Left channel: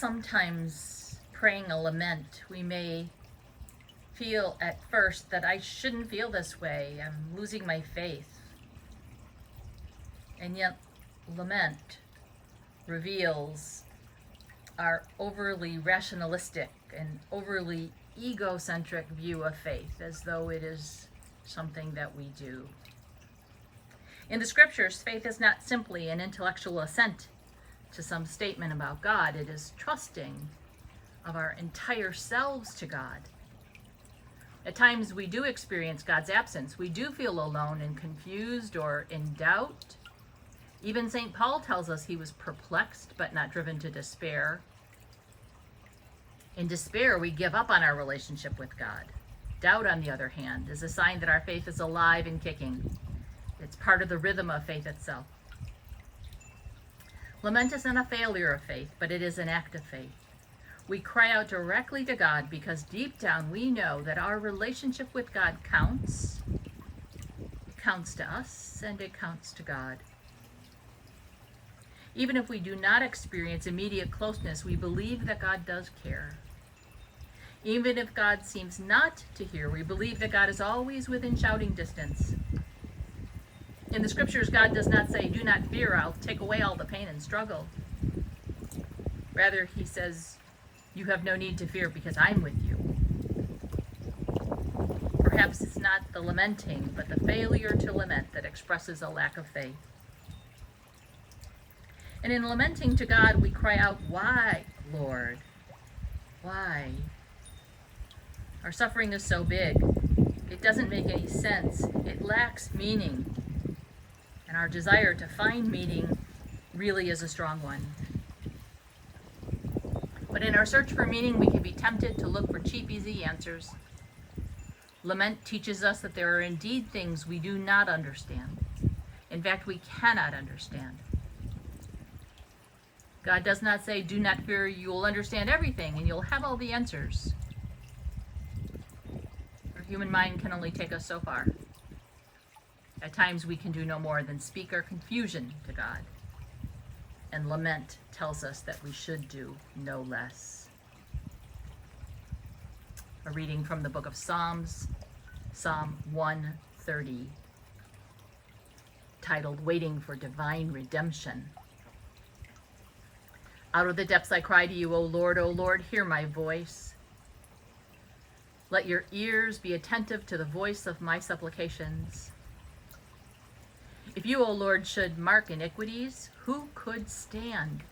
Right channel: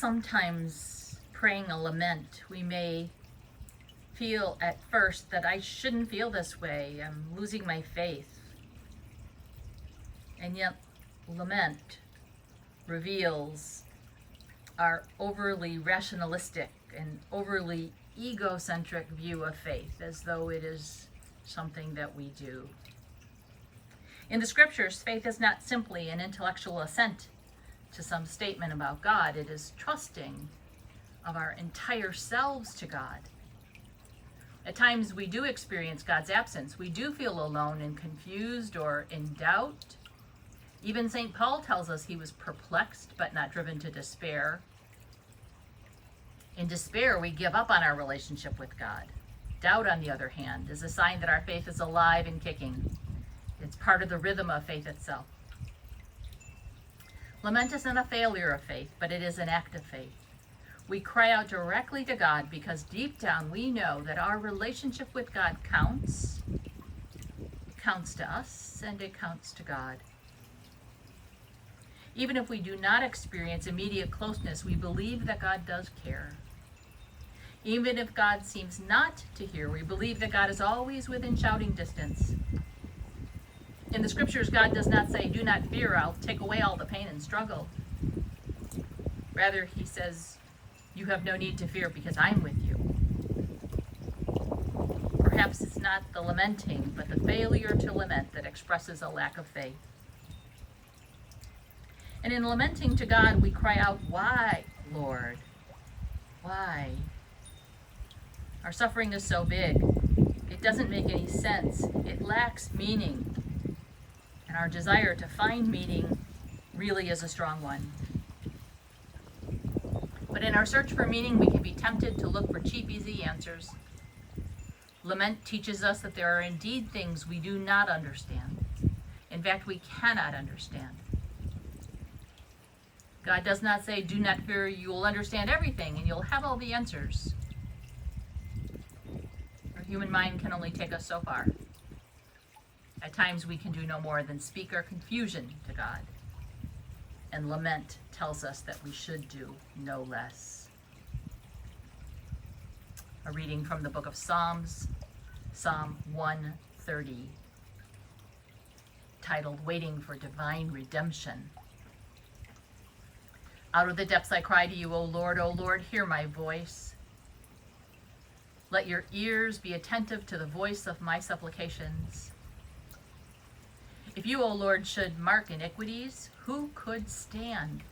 Sometimes praying a lament, we may feel at first that I shouldn't feel this way. I'm losing my faith. And yet, lament reveals our overly rationalistic and overly egocentric view of faith, as though it is something that we do. In the scriptures, faith is not simply an intellectual assent to some statement about God. It is trusting of our entire selves to God. At times we do experience God's absence. We do feel alone and confused or in doubt. Even St. Paul tells us he was perplexed but not driven to despair. In despair, we give up on our relationship with God. Doubt, on the other hand, is a sign that our faith is alive and kicking. It's part of the rhythm of faith itself. Lament isn't a failure of faith, but it is an act of faith. We cry out directly to God because deep down we know that our relationship with God counts. It counts to us and it counts to God. Even if we do not experience immediate closeness, we believe that God does care. Even if God seems not to hear, we believe that God is always within shouting distance. In the scriptures, God does not say, "Do not fear, I'll take away all the pain and struggle." Rather, he says, "You have no need to fear because I'm with you." Perhaps it's not the lamenting, but the failure to lament that expresses a lack of faith. And in lamenting to God, we cry out, "Why, Lord? Why?" Our suffering is so big. It doesn't make any sense. It lacks meaning. And our desire to find meaning really is a strong one. But in our search for meaning, we can be tempted to look for cheap, easy answers. Lament teaches us that there are indeed things we do not understand. In fact, we cannot understand. God does not say, "Do not fear, you will understand everything and you'll have all the answers." Our human mind can only take us so far. At times we can do no more than speak our confusion to God. And lament tells us that we should do no less. A reading from the book of Psalms, Psalm 130, titled "Waiting for Divine Redemption." Out of the depths I cry to you, O Lord, hear my voice. Let your ears be attentive to the voice of my supplications. If you, O Lord, should mark iniquities, who could stand?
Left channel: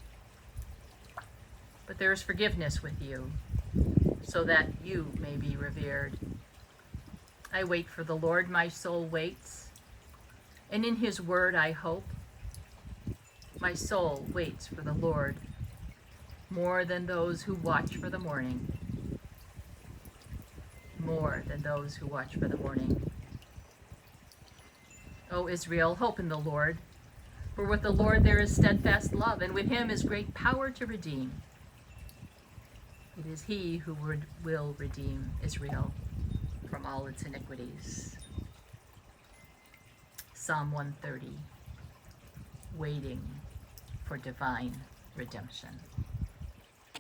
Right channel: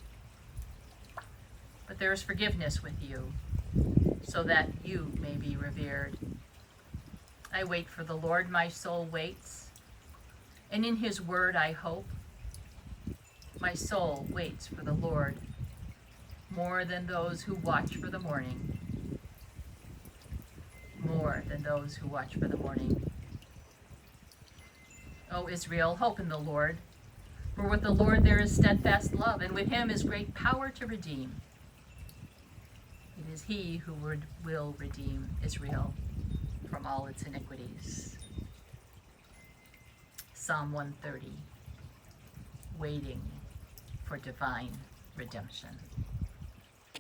But there is forgiveness with you, so that you may be revered. I wait for the Lord, my soul waits, and in his word I hope. My soul waits for the Lord, more than those who watch for the morning. More than those who watch for the morning. O Israel, hope in the Lord, for with the Lord there is steadfast love, and with him is great power to redeem. It is he who will redeem Israel from all its iniquities. Psalm 130, waiting for divine redemption.